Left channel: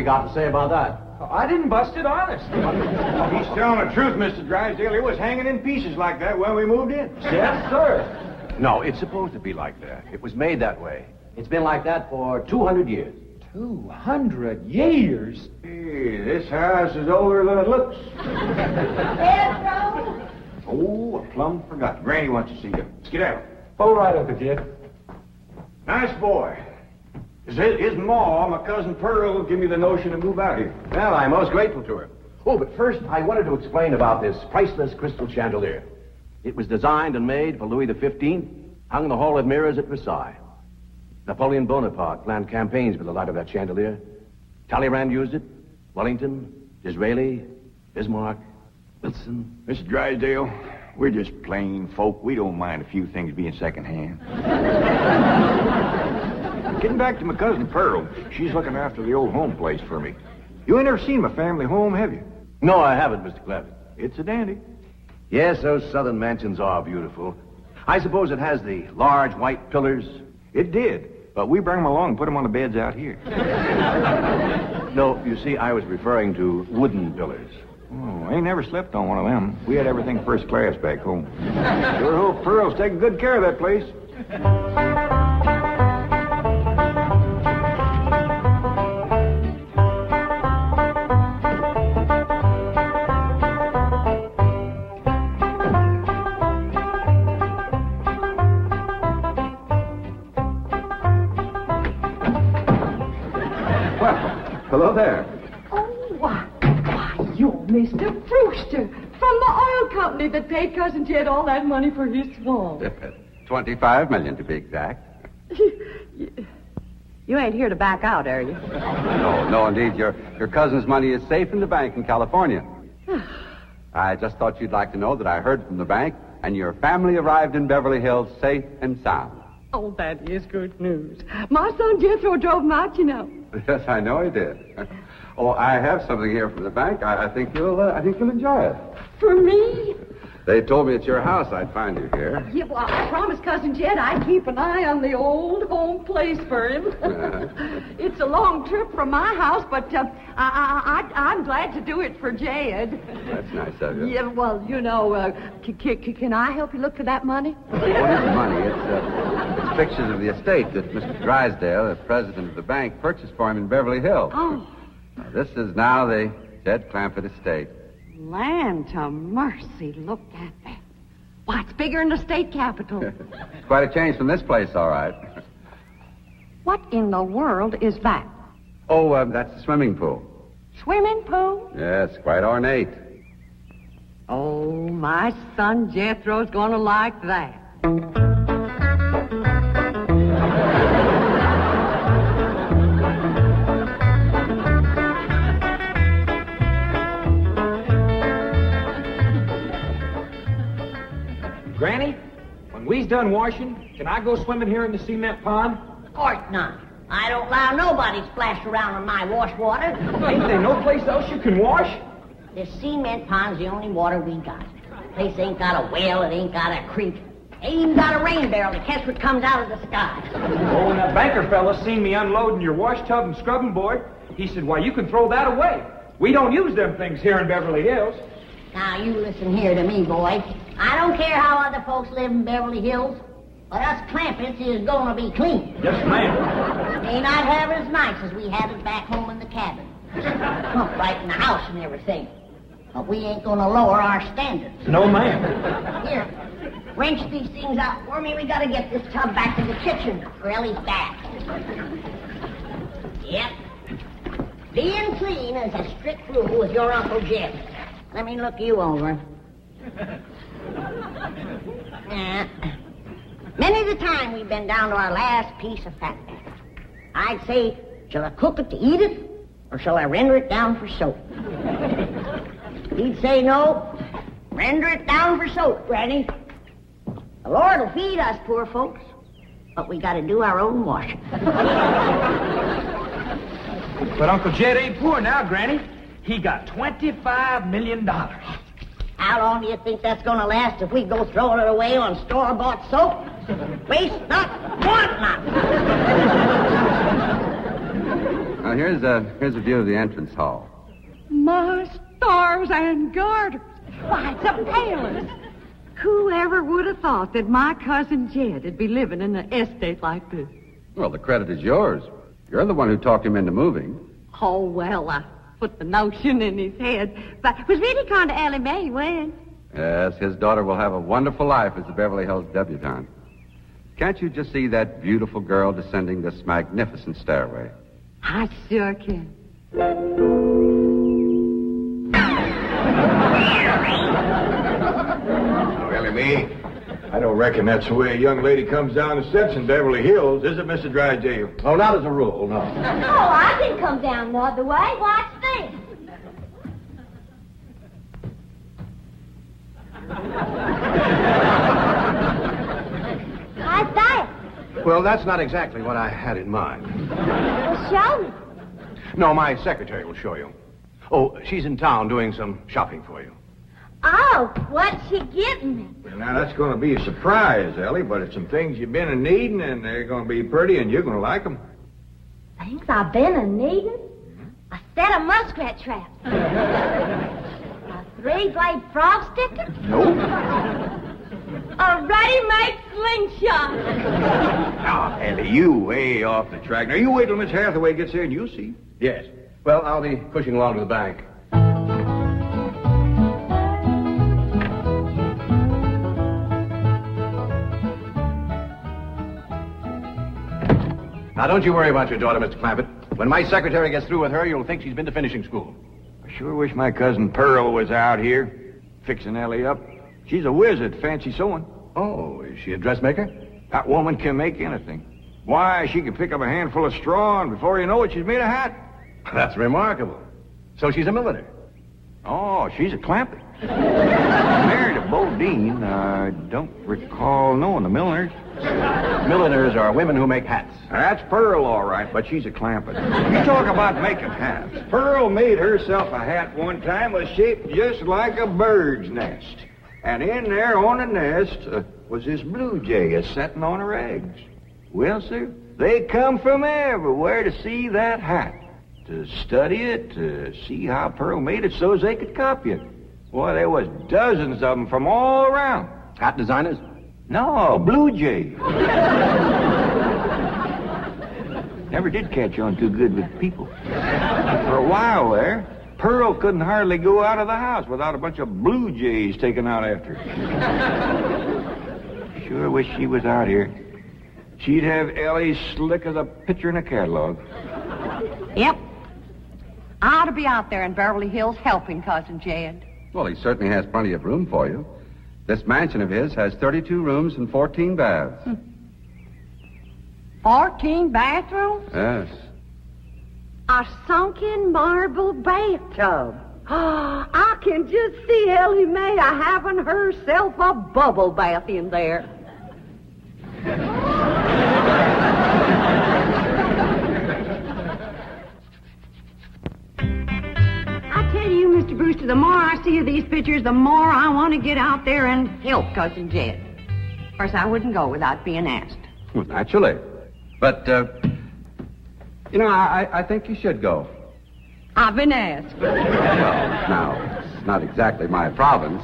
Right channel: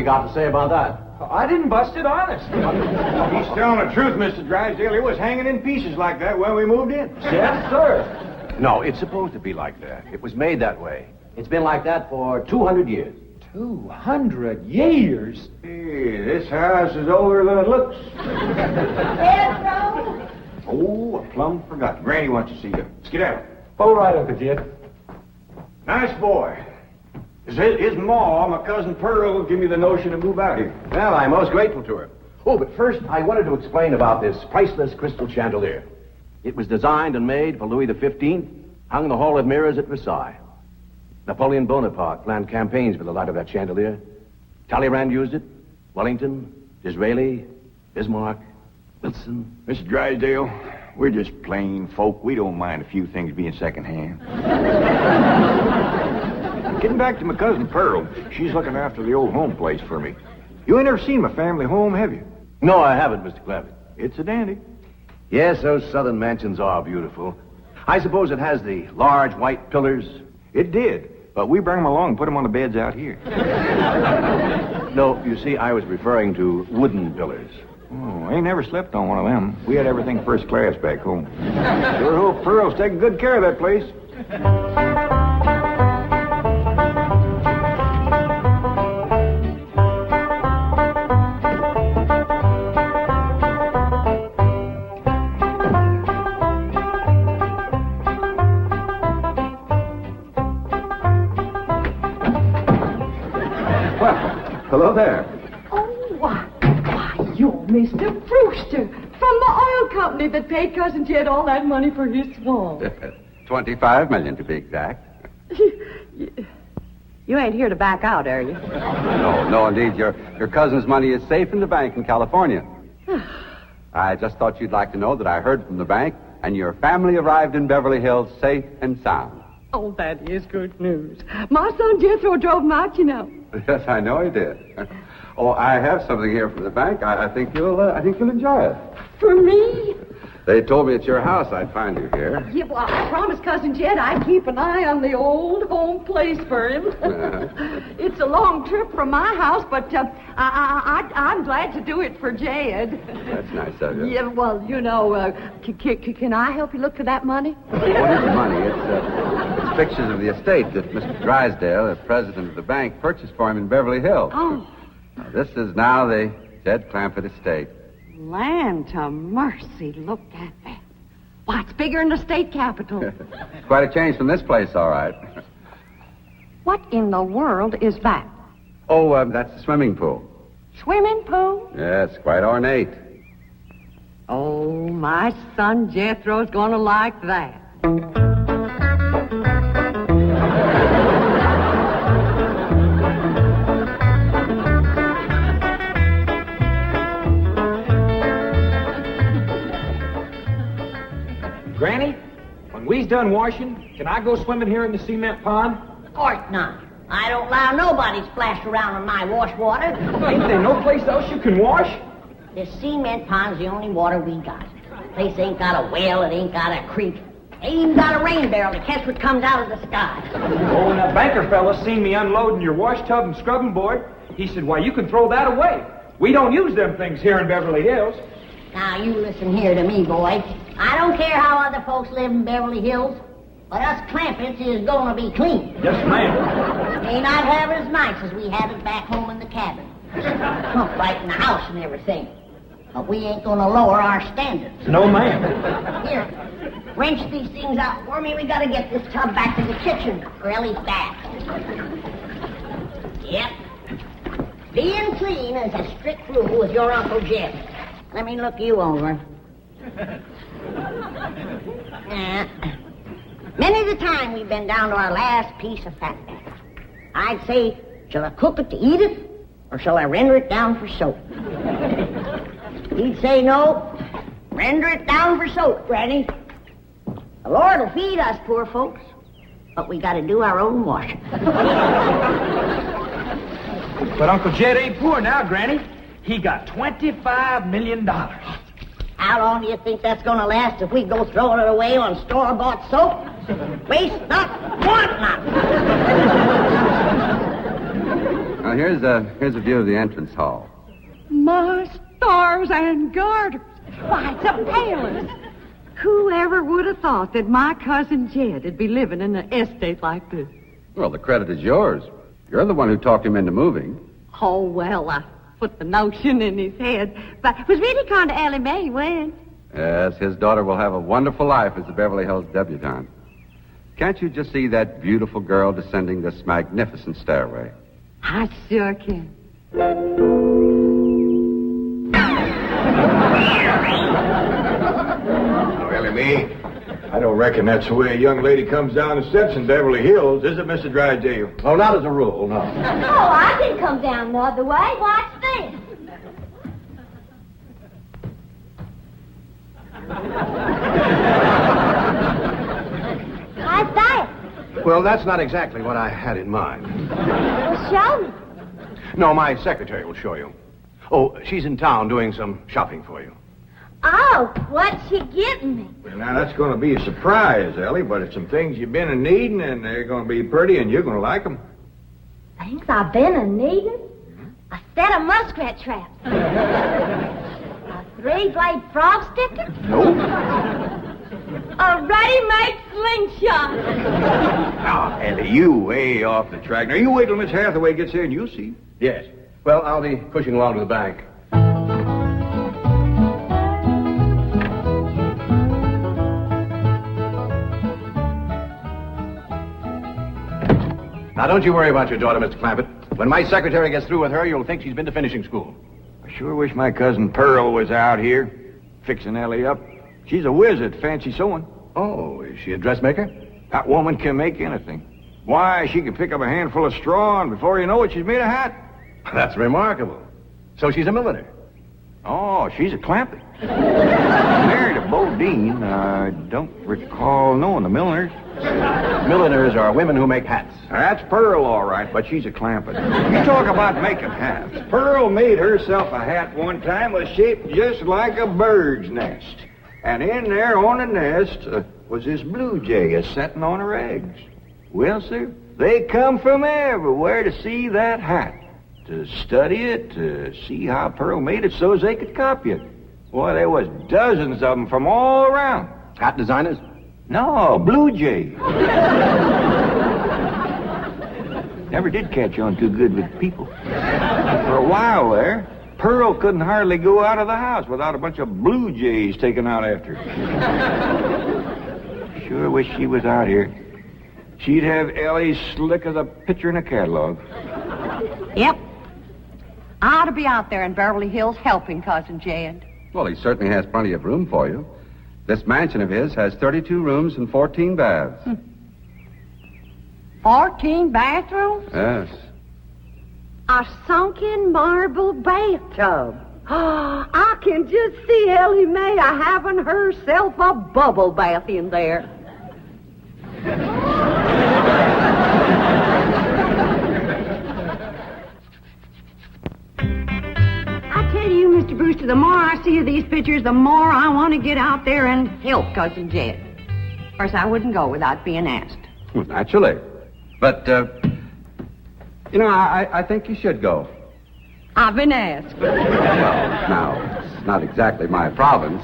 you got to say about that? I didn't bust it, honest. He's telling the truth, Mr. Drysdale. It was hanging in pieces like that when we moved in. Yes, sir. No, it's supposed to be like that. It was made that way. It's been like that for 200 years. 200 years? Hey, this house is older than it looks. Pedro? Oh, I plumb forgot. Granny wants to see you. Skedaddle. All right, Uncle Jed. Nice boy. His ma, my cousin Pearl, gave me the notion to move out here. Well, I'm most grateful to her. Oh, but first, I wanted to explain about this priceless crystal chandelier. It was designed and made for Louis XV, hung in the Hall of Mirrors at Versailles. Napoleon Bonaparte planned campaigns with the light of that chandelier. Talleyrand used it. Wellington, Disraeli, Bismarck, Wilson. Mr. Drysdale, we're just plain folk. We don't mind a few things being secondhand. Getting back to my cousin Pearl, she's looking after the old home place for me. You ain't never seen my family home, have you? No, I haven't, Mr. Clampett. It's a dandy. Yes, those southern mansions are beautiful. I suppose it has the large white pillars. It did, but we bring them along and put them on the beds out here. No, you see, I was referring to wooden pillars. Oh, I ain't never slept on one of them. We had everything first class back home. Sure hope Pearl's taking good care of that place. Hello there. Oh, why, you're Mr. Brewster from the oil company that paid Cousin Jed all that money for his swamp. 25 million to be exact. You ain't here to back out, are you? No, indeed. Your cousin's money is safe in the bank in California. I just thought you'd like to know that I heard from the bank, and your family arrived in Beverly Hills safe and sound. Oh, that is good news. My son Jethro drove him out, you know. Yes, I know he did. Oh, I have something here from the bank. I think you'll enjoy it. For me? They told me at your house I'd find you here. Yeah, well, I promised Cousin Jed I'd keep an eye on the old home place for him. It's a long trip from my house, but I'm glad to do it for Jed. That's nice of you. Yeah, well, you know, can I help you look for that money? What is money? It's pictures of the estate that Mr. Drysdale, the president of the bank, purchased for him in Beverly Hills. Oh. Now, this is now the Jed Clampett estate. Land to mercy, look at that. Why, it's bigger than the state capitol. It's quite a change from this place, all right. What in the world is that? Oh, that's the swimming pool. Swimming pool? Yes, quite ornate. Oh, my son Jethro's gonna like that. Granny, when we's done washing, can I go swimming here in the cement pond? Of course not. I don't allow nobody to splash around in my wash water. Ain't there no place else you can wash? This cement pond's the only water we got. Place ain't got a well, it ain't got a creek. Ain't even got a rain barrel to catch what comes out of the sky. Oh, when that banker fella seen me unloading your wash tub and scrubbing board, he said, why, you can throw that away. We don't use them things here in Beverly Hills. Now, you listen here to me, boy. I don't care how other folks live in Beverly Hills, but us Clampetts is gonna be clean. Yes, ma'am. May not have it as nice as we had it back home in the cabin. Pump right in the house and everything. But we ain't gonna lower our standards. No, ma'am. Here, wrench these things out for me. We gotta get this tub back to the kitchen for Ellie's bath. Yep. Being clean is a strict rule with your Uncle Jed. Let me look you over. Many the time we've been down to our last piece of fat. I'd say, shall I cook it to eat it, or shall I render it down for soap? He'd say, no, render it down for soap, Granny. The Lord will feed us poor folks, but we got to do our own washing. But Uncle Jed ain't poor now, Granny. He got $25 million. How long do you think that's going to last if we go throwing it away on store-bought soap? Waste not, want not. Now, here's a view of the entrance hall. My stars and garters. Why, it's a palace. Whoever would have thought that my cousin Jed would be living in an estate like this? Well, the credit is yours. You're the one who talked him into moving. Oh, well, I put the notion in his head. But it was really kind of Ellie Mae he went. Yes, his daughter will have a wonderful life as a Beverly Hills debutante. Can't you just see that beautiful girl descending this magnificent stairway? I sure can. Oh, Ellie Mae, I don't reckon that's the way a young lady comes down the steps in Beverly Hills, is it, Mr. Drysdale? Oh, not as a rule, no. Oh, I can come down the other way. Watch this. How's that? Well, that's not exactly what I had in mind. Well, show me. No, my secretary will show you. Oh, she's in town doing some shopping for you. Oh, what's she getting me? Well, now, that's going to be a surprise, Ellie, but it's some things you've been in needing, and they're going to be pretty, and you're going to like them. Things I've been a needing? A set of muskrat traps. A three-blade frog sticker? Nope. A ready-made slingshot. Now, Ellie, you way off the track. Now, you wait till Miss Hathaway gets here, and you'll see. Yes. Well, I'll be pushing along to the bank. Now, don't you worry about your daughter, Mr. Clampett. When my secretary gets through with her, you'll think she's been to finishing school. I sure wish my cousin Pearl was out here, fixing Ellie up. She's a whiz at fancy sewing. Oh, is she a dressmaker? That woman can make anything. Why, she can pick up a handful of straw, and before you know it, she's made a hat. That's remarkable. So she's a milliner. Oh, she's a Clampett. Married a Bodine. I don't recall knowing the milliners. Milliners are women who make hats. That's Pearl, all right, but she's a Clampett. You talk about making hats. Pearl made herself a hat one time was shaped just like a bird's nest. And in there on the nest was this blue jay a-setting on her eggs. Well, sir, they come from everywhere to see that hat, to study it, to see how Pearl made it so as they could copy it. Boy, there was dozens of them from all around. Hat designers? No, blue jay. Never did catch on too good with people. For a while there, Pearl couldn't hardly go out of the house without a bunch of blue jays taken out after her. Sure wish she was out here. She'd have Ellie slick as a picture in a catalog. Yep. I ought to be out there in Beverly Hills helping Cousin Jed. Well, he certainly has plenty of room for you. This mansion of his has 32 rooms and 14 baths. 14 bathrooms? Yes. A sunken marble bathtub. I can just see Ellie Mae having herself a bubble bath in there. I tell you, Mr. Brewster, the more I see of these pictures, the more I want to get out there and help Cousin Jed. Of course, I wouldn't go without being asked. Well, naturally. But, I think you should go. I've been asked. Well, now, it's not exactly my province.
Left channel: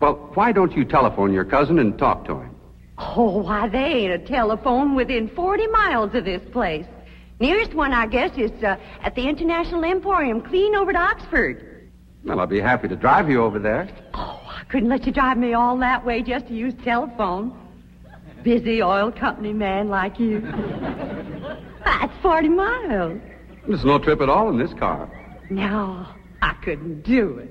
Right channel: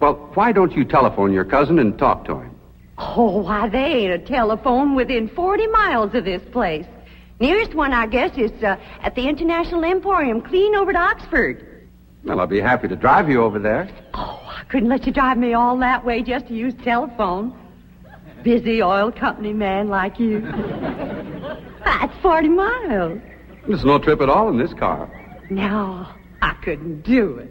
Well, why don't you telephone your cousin and talk to him? Oh, why, there ain't a telephone within 40 miles of this place. Nearest one, I guess, is at the International Emporium, clean over to Oxford. Well, I'll be happy to drive you over there. Oh, I couldn't let you drive me all that way just to use telephone. Busy oil company man like you. That's 40 miles. There's no trip at all in this car. No, I couldn't do it.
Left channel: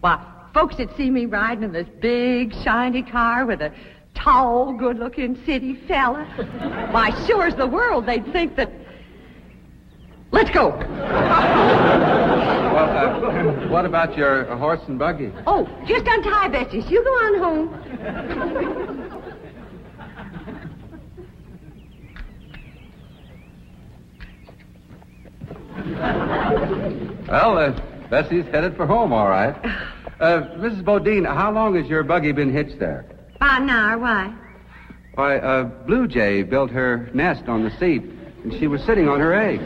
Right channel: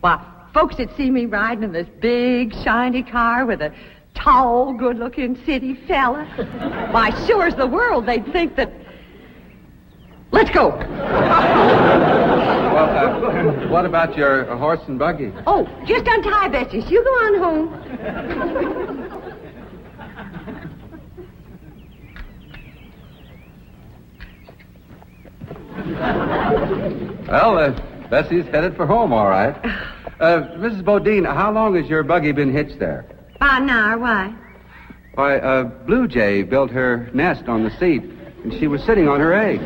Why, folks that see me riding in this big, shiny car with a tall, good-looking city fella, why, sure as the world, they'd think that... Let's go. Well, what about your horse and buggy? Oh, just untie Betsy. You go on home. Well, Bessie's headed for home, all right. Mrs. Bodine, how long has your buggy been hitched there? About an hour, why? Why, Blue Jay built her nest on the seat, and she was sitting on her eggs.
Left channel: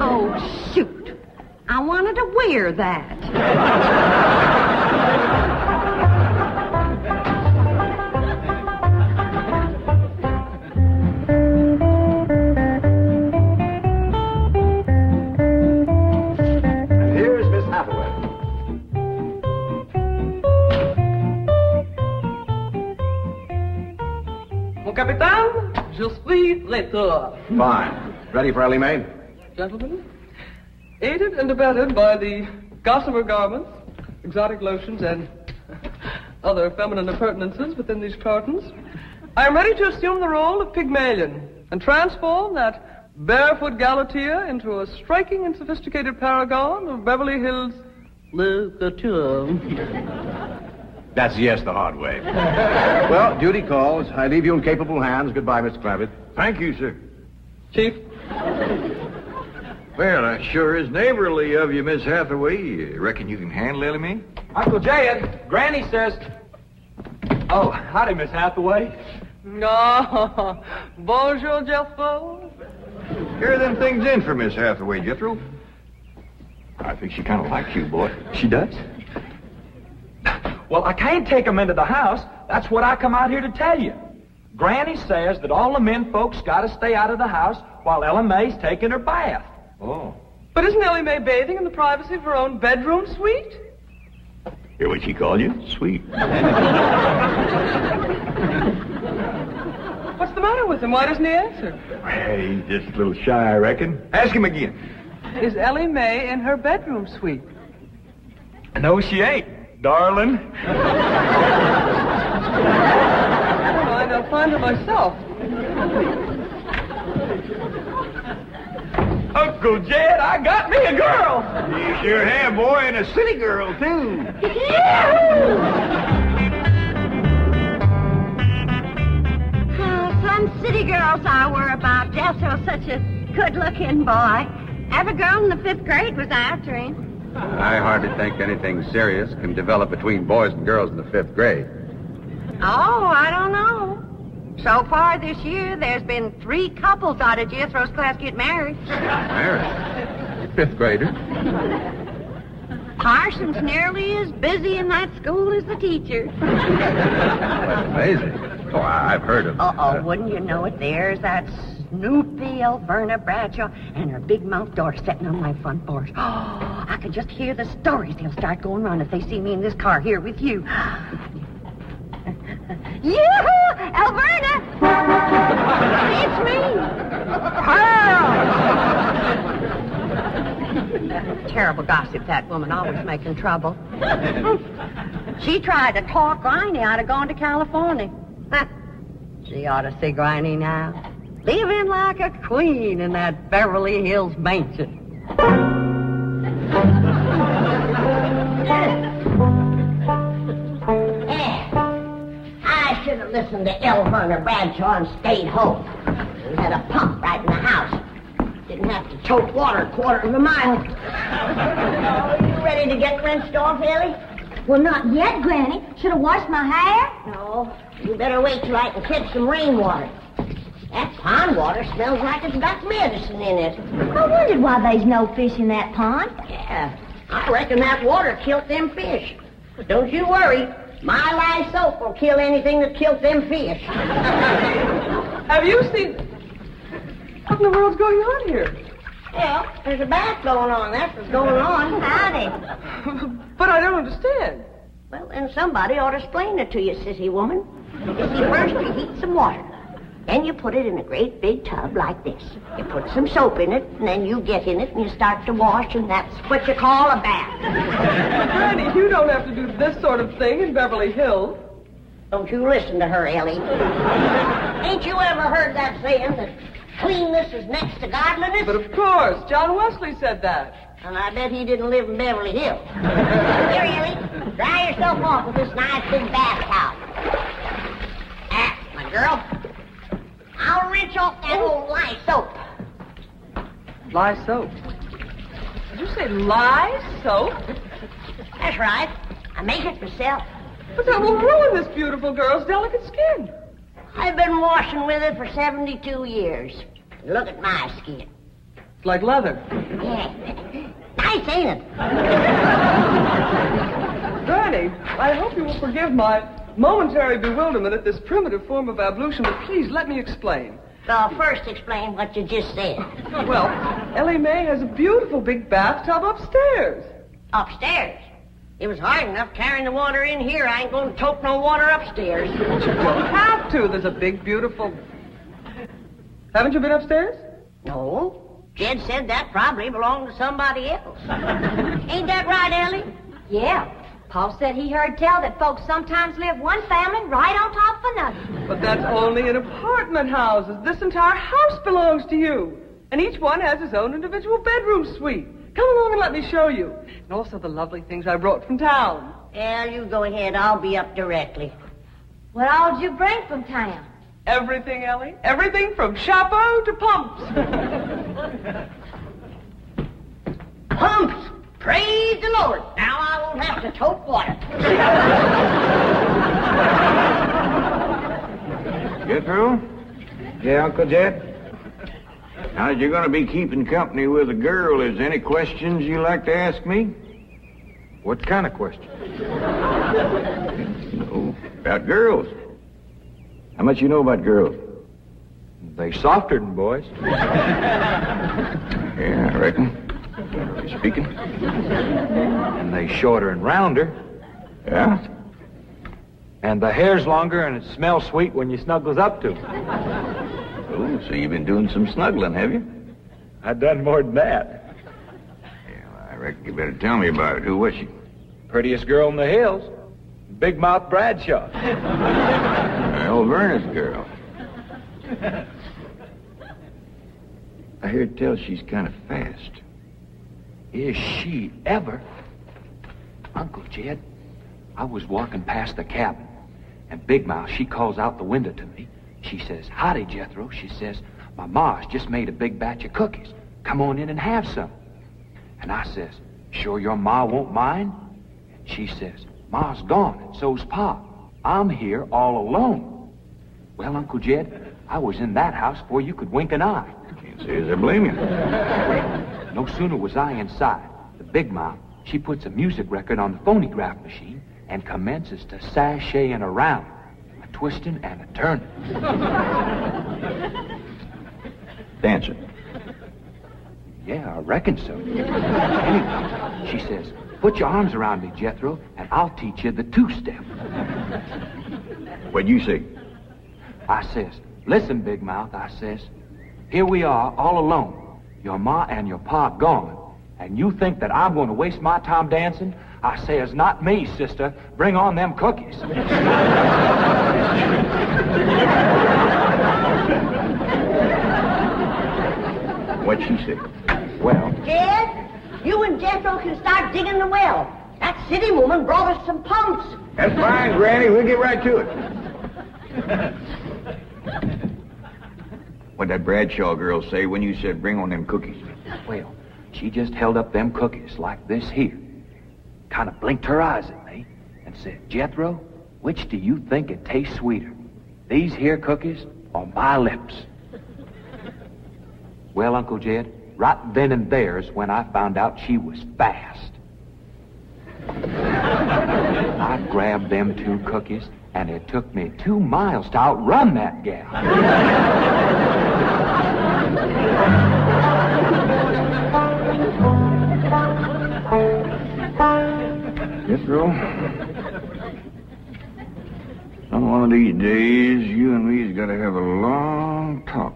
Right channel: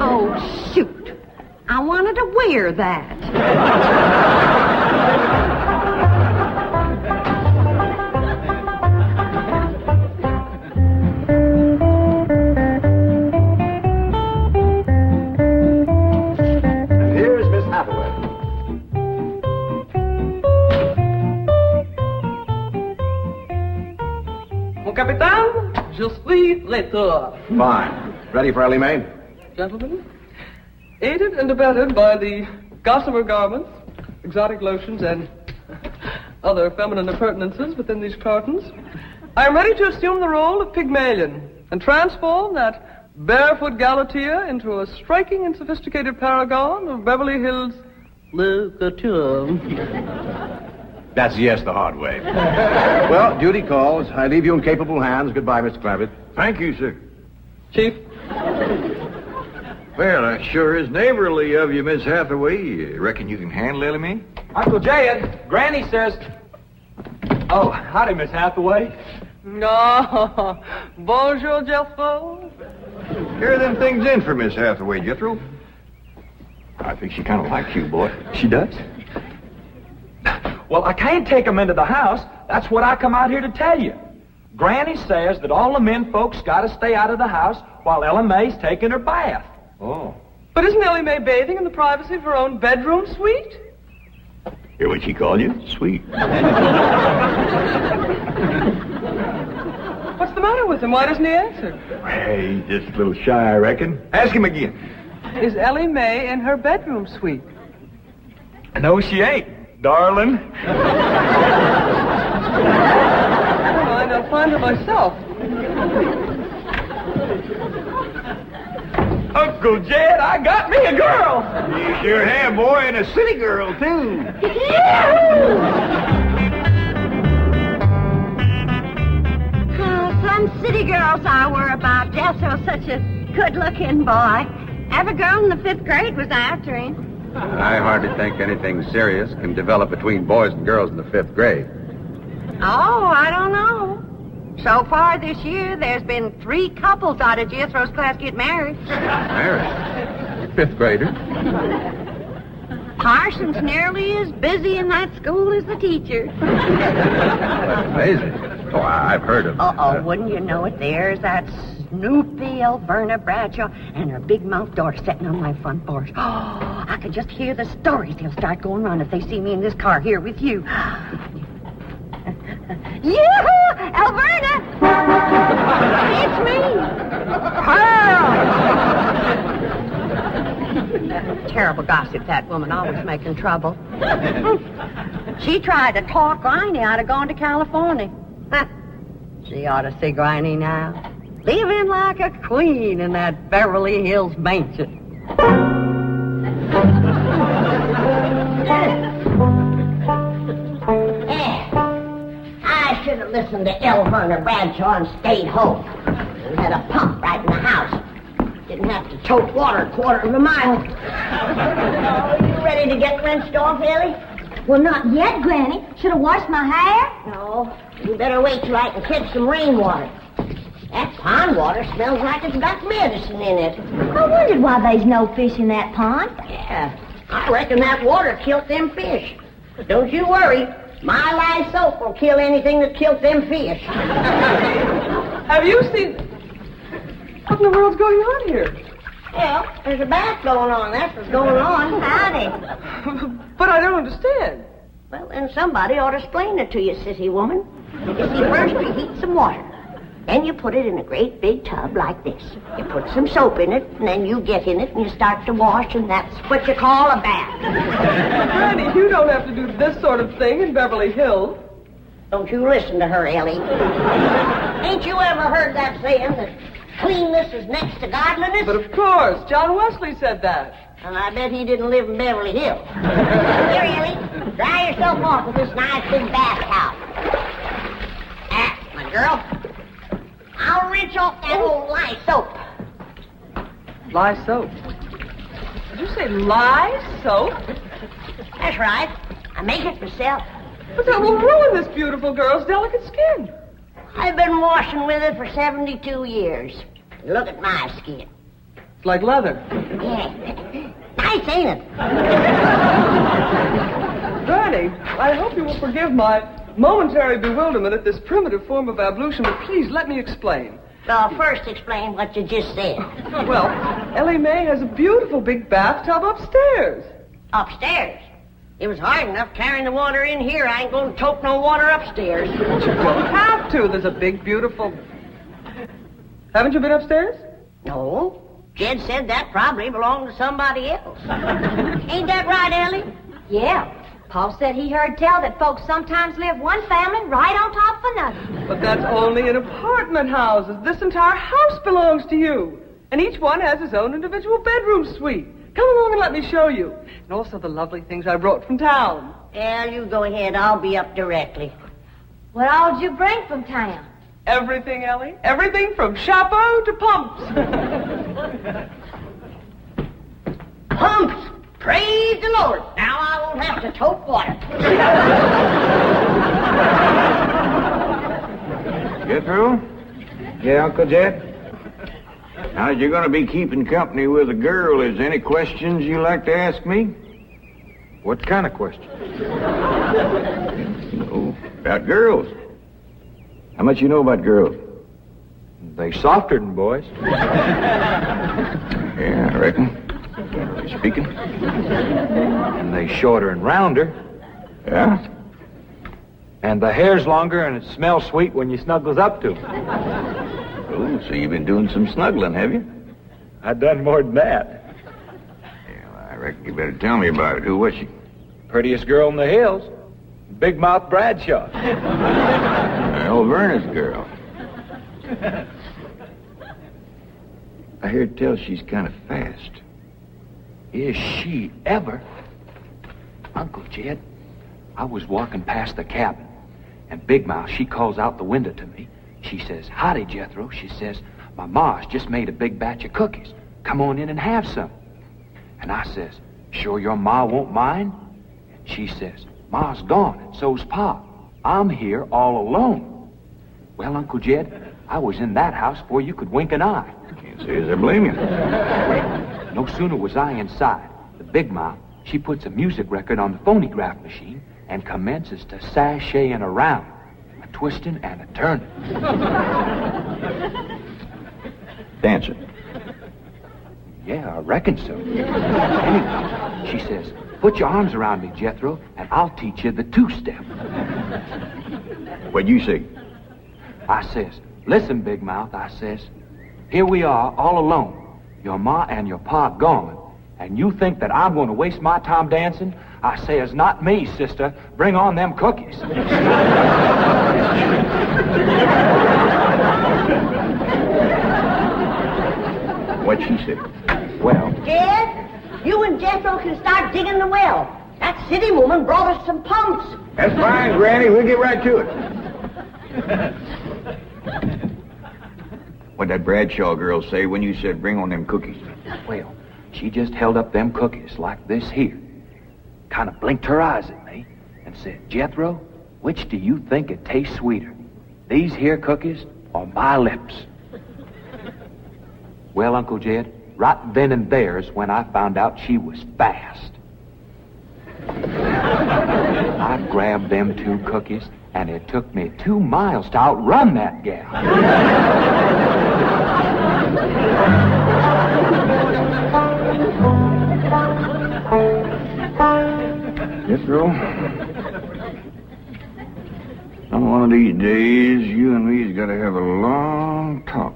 Oh, shoot. I wanted to wear that. And here's Miss Hathaway. Mon capitaine, je suis traiteur. Fine. Ready for Ellie Mae? Gentlemen, aided and abetted by the gossamer garments, exotic lotions, and other feminine appurtenances within these cartons, I am ready to assume the role of Pygmalion and transform that barefoot galatea into a striking and sophisticated paragon of Beverly Hills literature. That's yes the hard way. Well, duty calls. I leave you in capable hands. Goodbye, Mr. Clampett. Thank you, sir. Chief, Well, that sure is neighborly of you, Miss Hathaway. You reckon you can handle Ellie Mae? Uncle Jed, Granny says... Oh, howdy, Miss Hathaway. no, bonjour, Jethro. Here are them things in for Miss Hathaway, Jethro. I think she kind of likes you, boy. She does? Well, I can't take them into the house. That's what I come out here to tell you. Granny says that all the men folks got to stay out of the house while Ella Mae's taking her bath. Oh. But isn't Ellie Mae bathing in the privacy of her own bedroom suite? Hear what she called you? Sweet. What's the matter with him? Why doesn't he answer? Hey, he's just a little shy, I reckon. Ask him again. Is Ellie Mae in her bedroom suite? No, she ain't, darling. Fine, I'll find her myself. Uncle Jed, I got me a girl. You sure have, boy, and a city girl, too. Some city girls I were about. Jethro's such a good-looking boy. Every girl in the 5th grade was after him. I hardly think anything serious can develop between boys and girls in the 5th grade. Oh, I don't know. So far this year, there's been 3 couples out of Jethro's class get married. Married? 5th grader? Parson's nearly as busy in that school as the teacher. That's amazing. Oh, I've heard of... Uh-oh, wouldn't you know it? There's that Snoopy Alverna Bradshaw and her big mouth daughter sitting on my front porch. Oh, I could just hear the stories they'll start going around if they see me in this car here with you. Yoo-hoo! Alverna! It's me! Pearl! Terrible gossip, that woman, always making trouble. She tried to talk Granny out of going to California. She ought to see Granny now. Living like a queen in that Beverly Hills mansion. I should have listened to Alverna Bradshaw and stayed home. We had a pump right in the house. Didn't have to tote water a quarter of a mile. You ready to get rinsed off, Ellie? Well, not yet, Granny. Should have washed my hair. No. You better wait till I can catch some rainwater. That pond water smells like it's got medicine in it. I wondered why there's no fish in that pond. Yeah, I reckon that water killed them fish. Don't you worry. My lye soap will kill anything that killed them fish. Have you seen... What in the world's going on here? Well, there's a bath going on. That's what's going on. Howdy. But I don't understand. Well, then somebody ought to explain it to you, sissy woman. You see, first you heat some water. Then you put it in a great big tub like this. You put some soap in it, and then you get in it, and you start to wash, and that's what you call a bath. Granny, you don't have to do this sort of thing in Beverly Hills. Don't you listen to her, Ellie. Ain't you ever heard that saying that cleanness is next to godliness? But of course, John Wesley said that. And I bet he didn't live in Beverly Hills. Here, Ellie, dry yourself off with this nice big bath towel. My girl, I'll rinse off that old lye soap. Lye soap. Did you say lye soap? That's right. I make it myself. But that will ruin this beautiful girl's delicate skin. I've been washing with it for 72 years. Look at my skin. It's like leather. Yeah. Nice, ain't it? Granny, I hope you will forgive my momentary bewilderment at this primitive form of ablution, but please let me explain. Well, first explain what you just said. Well, Ellie Mae has a beautiful big bathtub upstairs. Upstairs? It was hard enough carrying the water in here. I ain't going to tote no water upstairs. You don't have to. There's a big, beautiful... Haven't you been upstairs? No. Jed said that probably belonged to somebody else. Ain't that right, Ellie? Yeah. Paul said he heard tell that folks sometimes live one family right on top of another. But that's only in apartment houses. This entire house belongs to you. And each one has his own individual bedroom suite. Come along and let me show you. And also the lovely things I brought from town. Well, you go ahead. I'll be up directly. What all did you bring from town? Everything, Ellie. Everything from chapeau to pumps. Pumps! Praise the Lord. Now I won't have to tote water. Jethro? Yeah, Uncle Jed? Now, you're going to be keeping company with a girl. Is there any questions you like to ask me? What kind of question? No, about girls. How much you know about girls? They softer than boys. Yeah, I reckon. Generally speaking. And they shorter and rounder. Yeah? And the hair's longer and it smells sweet when you snuggles up to 'em. Oh, so you've been doing some snuggling, have you? I done more than that. Yeah, I reckon you better tell me about it. Who was she? Prettiest girl in the hills. Big Mouth Bradshaw. Well, Verna's girl. I hear tell she's kind of fast. Is she ever? Uncle Jed, I was walking past the cabin, and Big Mouth, she calls out the window to me. She says, "Howdy, Jethro." She says, "My ma's just made a big batch of cookies. Come on in and have some." And I says, "Sure your ma won't mind?" And she says, "Ma's gone, and so's Pa. I'm here all alone." Well, Uncle Jed, I was in that house before you could wink an eye. Can't say as I blame you. No sooner was I inside, the Big Mouth, she puts a music record on the phonograph machine and commences to sashaying around, a twisting and a turning. Dancing. Yeah, I reckon so. Anyway, she says, "Put your arms around me, Jethro, and I'll teach you the two-step." What'd you say? I says, "Listen, Big Mouth," I says, "here we are all alone. Your ma and your pa gone. And you think that I'm going to waste my time dancing?" I says, "Not me, sister. Bring on them cookies." What'd she say? Well, Jed, you and Jethro can start digging the well. That city woman brought us some pumps. That's fine, Granny. We'll get right to it. What'd that Bradshaw girl say when you said bring on them cookies? well, she just held up them cookies like this here, kind of blinked her eyes at me, and said, "Jethro, which do you think it tastes sweeter, these here cookies or my lips?" Well, Uncle Jed, right then and there is when I found out she was fast. I grabbed them 2 cookies, and it took me 2 miles to outrun that gal. Jethro, on one of these days, you and me's got to have a long talk.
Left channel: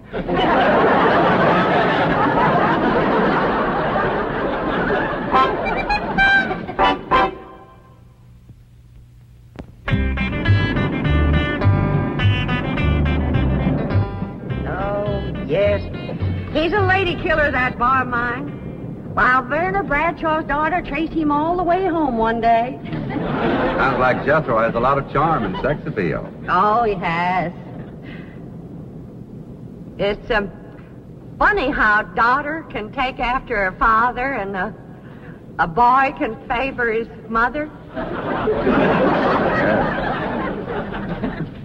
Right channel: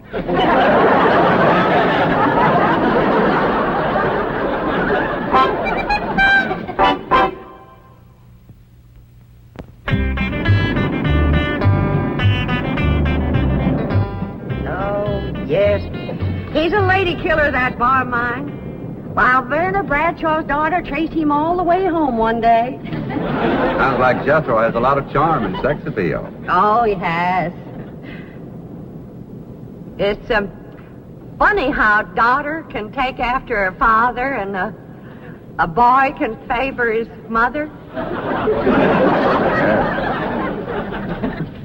Yes. He's a lady killer, that bar of mine. While Verna Bradshaw's daughter traced him all the way home one day. Sounds like Jethro has a lot of charm and sex appeal. Oh, he has. It's funny how a daughter can take after her father and a boy can favor his mother.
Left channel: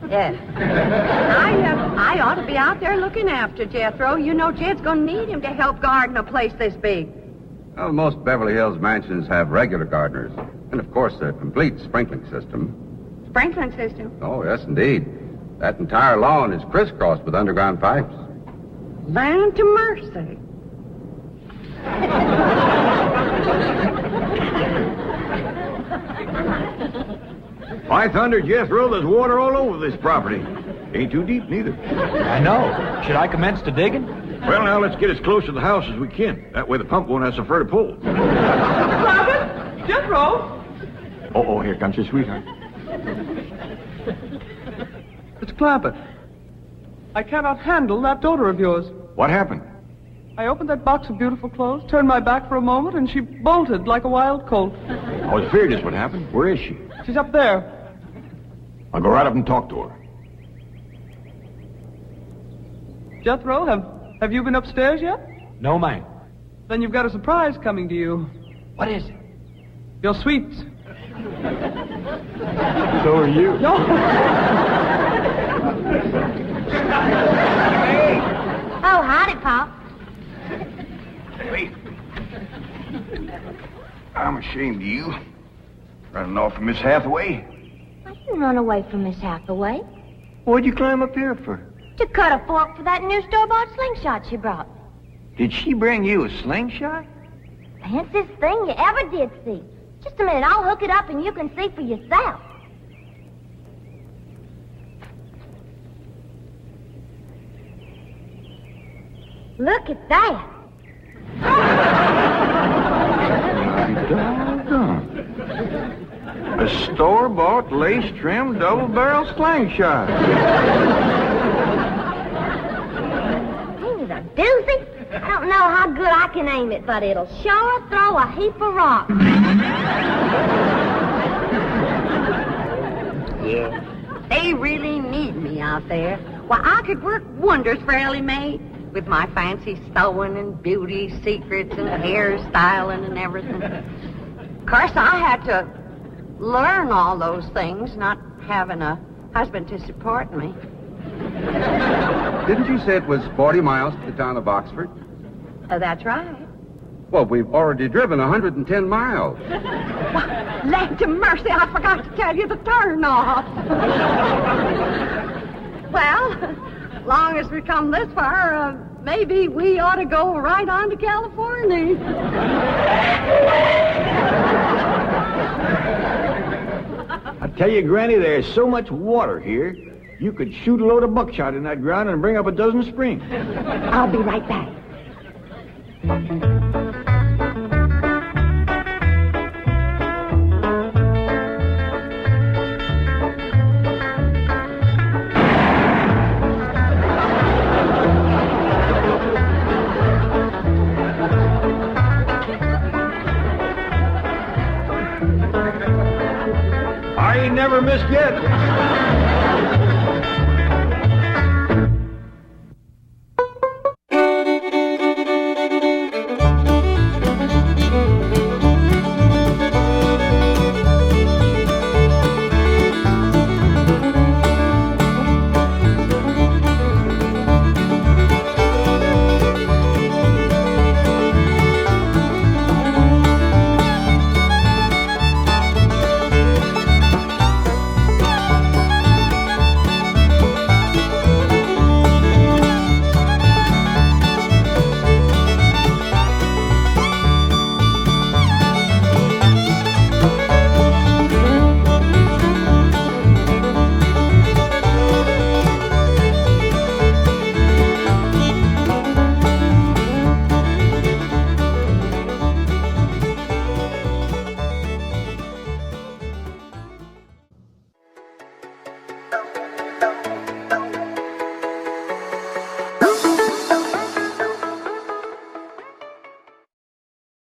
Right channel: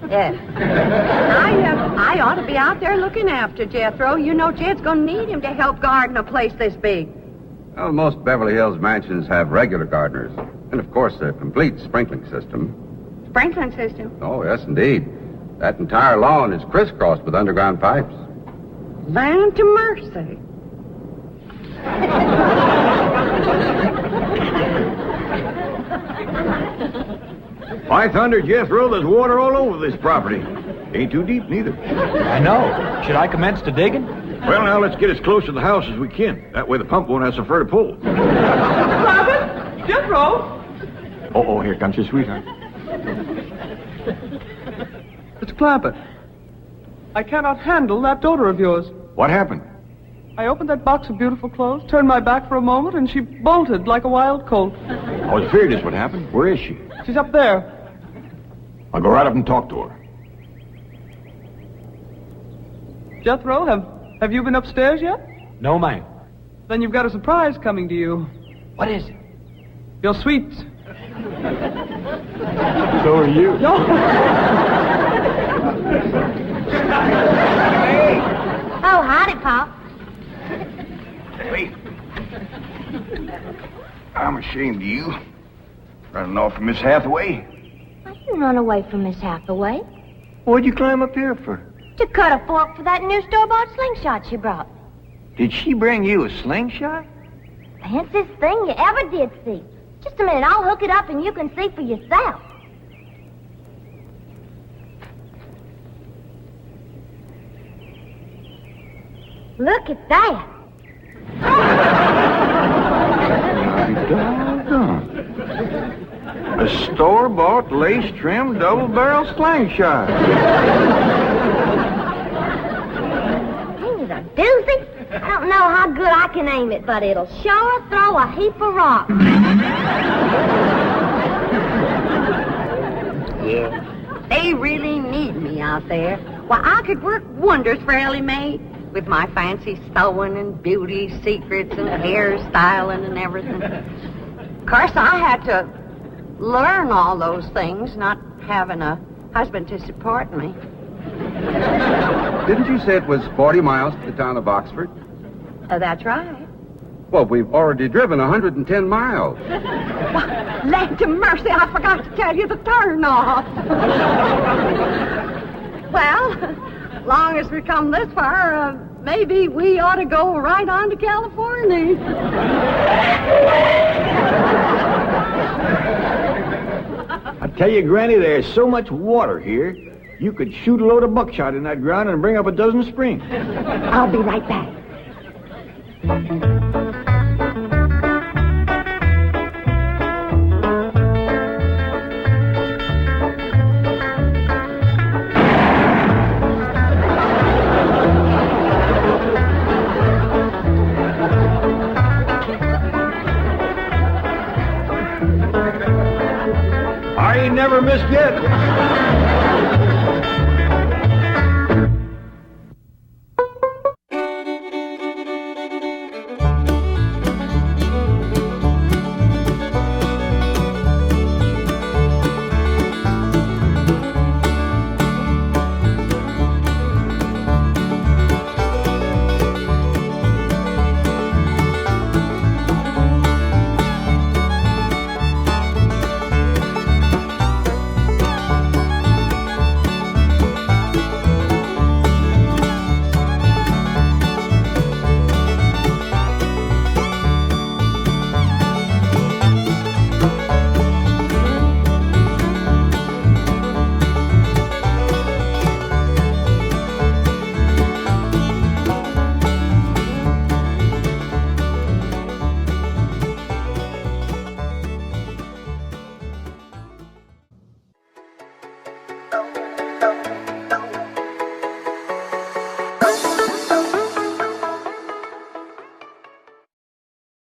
Yes. I ought to be out there looking after Jethro. You know, Jed's going to need him to help garden a place this big. Well, most Beverly Hills mansions have regular gardeners. And, of course, a complete sprinkling system. Sprinkling system? Oh, yes, indeed. That entire lawn is crisscrossed with underground pipes. Land to mercy. By thunder, Jethro, there's water all over this property. Ain't too deep, neither. I know. Should I commence the digging? Well, now, let's get as close to the house as we can. That way the pump won't have so far to pull. Clampett? Jethro? Oh, here comes your sweetheart. It's Clampett. I cannot handle that daughter of yours. What happened? I opened that box of beautiful clothes, turned my back for a moment, and she bolted like a wild colt. I was afraid this would happen. Where is she? She's up there. I'll go right up and talk to her. Jethro, have you been upstairs yet? No, ma'am. Then you've got a surprise coming to you. What is it? Your sweets. So are you. No. Oh, howdy, Pop. Wait. I'm ashamed of you. Running off from Miss Hathaway. I didn't run away from Miss Hathaway. What'd you climb up here for? To cut a fork for that new store-bought slingshot she brought. Did she bring you a slingshot? Fanciest thing you ever did see. Just a minute, I'll hook it up and you can see for yourself. Look at that. Doggone. A store-bought, lace-trimmed, double-barrel slingshot. Ain't it a doozy? I don't know how good I can aim it, but it'll sure throw a heap of rocks. Yeah. They really need me out there. Why, I could work wonders for Ellie Mae with my fancy sewing and beauty secrets and hairstyling and everything. Of course, I had to learn all those things, not having a husband to support me. Didn't you say it was 40 miles to the town of Oxford? That's right. Well, we've already driven 110 miles. Land to mercy, I forgot to tell you the turn off. Well, long as we come this far, maybe we ought to go right on to California. I tell you, Granny, there's so much water here, you could shoot a load of buckshot in that ground and bring up a dozen springs. I'll be right back. I ain't never missed yet.